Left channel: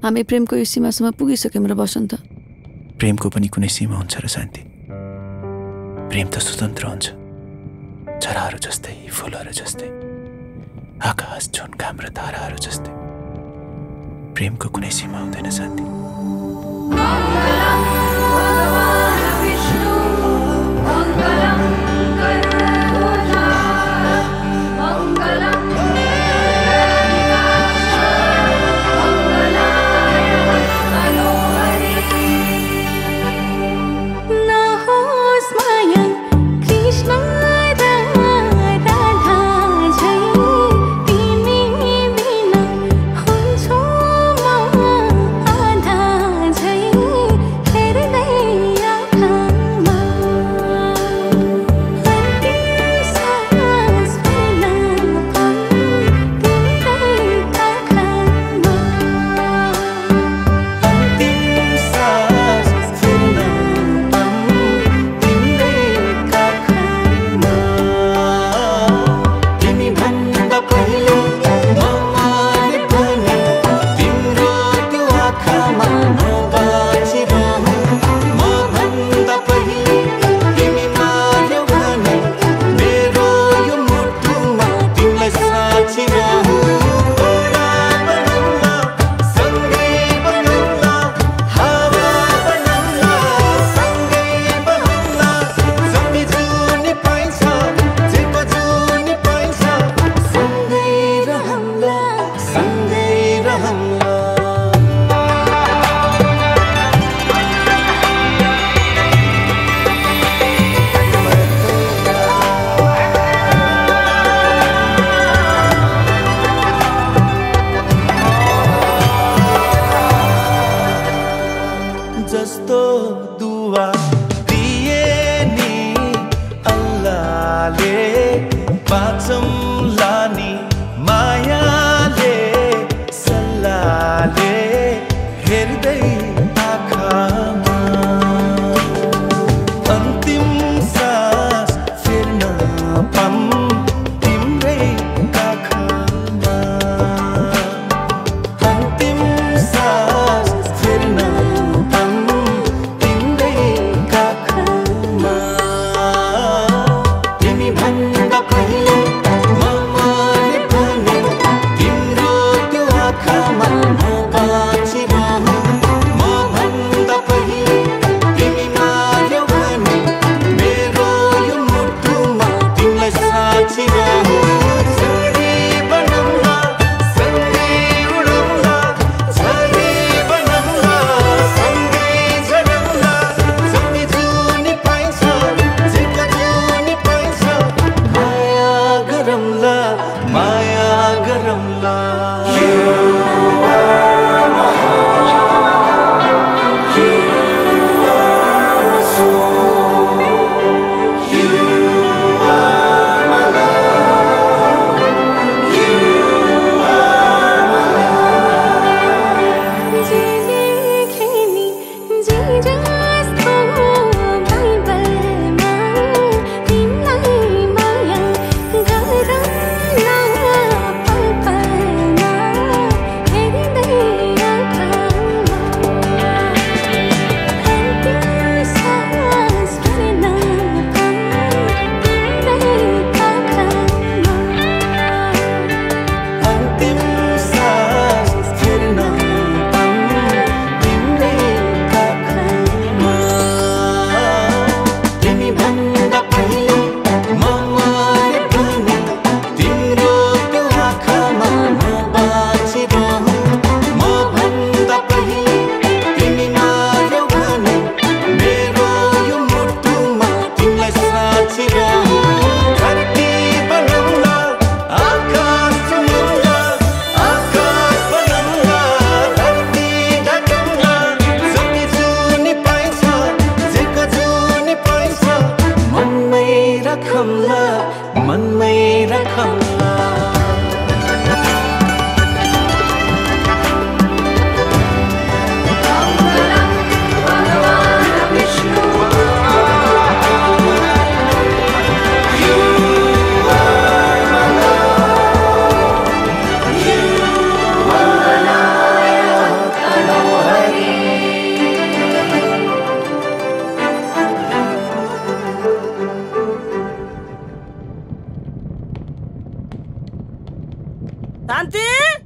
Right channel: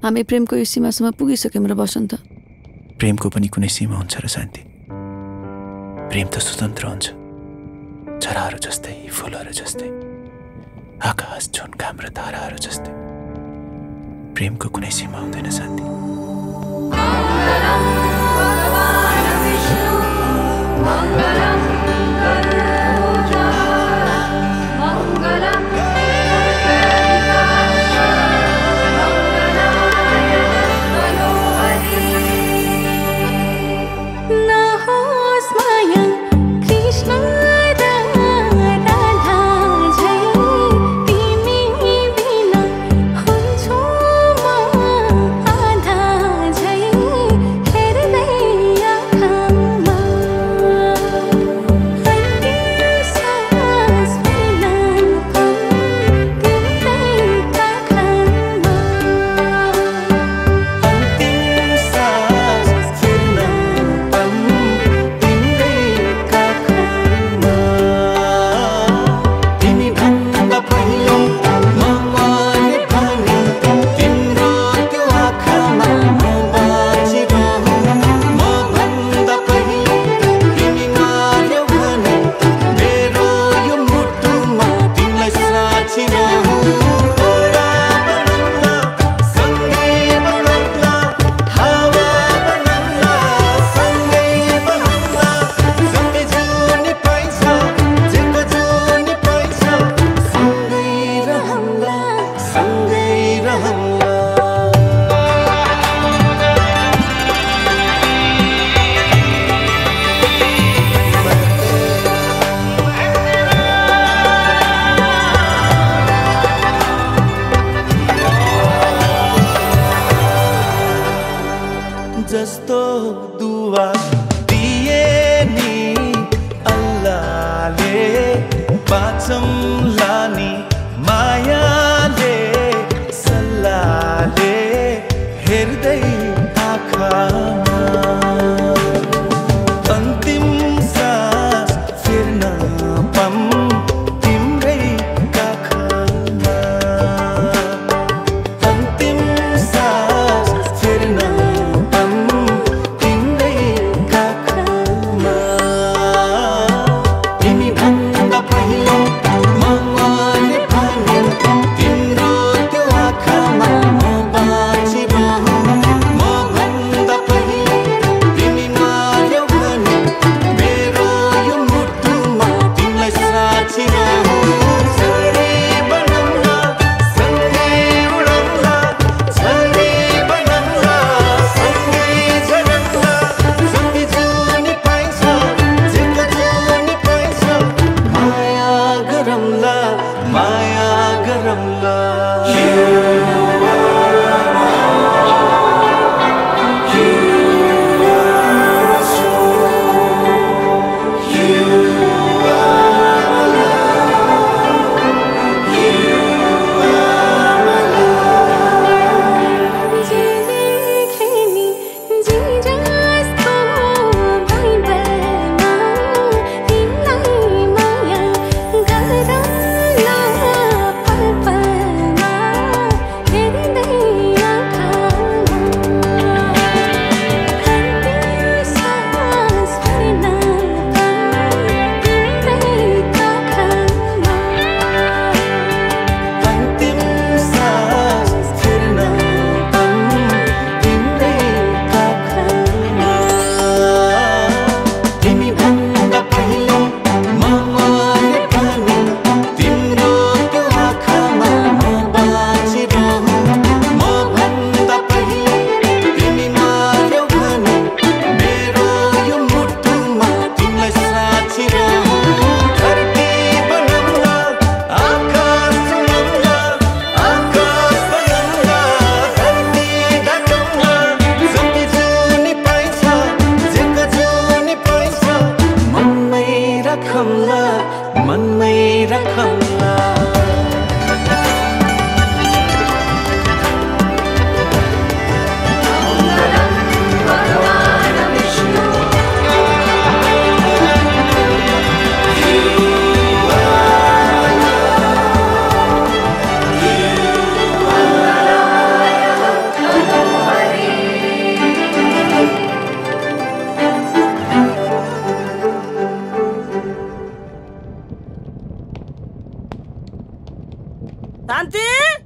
हामी प्रेमको यो सीमासम्म पुगिसक्यौँ र बसन्त। प्रेमको पनि कुनै सीमा हुन्छ र शान्ति? प्रेम त स्वतन्त्र हुन्छ, चराहरू जस्तै, फुलहरू जस्तै, आकाश, जुन, घाम र ताराहरू जस्तै। प्रेमको कुनै सीमा हुँदैन शान्ति। जस्तो दुआ दिए नि अल्लाहले, बाँचौँला नि मायाले, सल्लाहले हेर्दै आँखामा। अन्तिम सास फेर्न पाऊँ तिम्रै काखमा। अन्तिम सास फेर्न शान्ति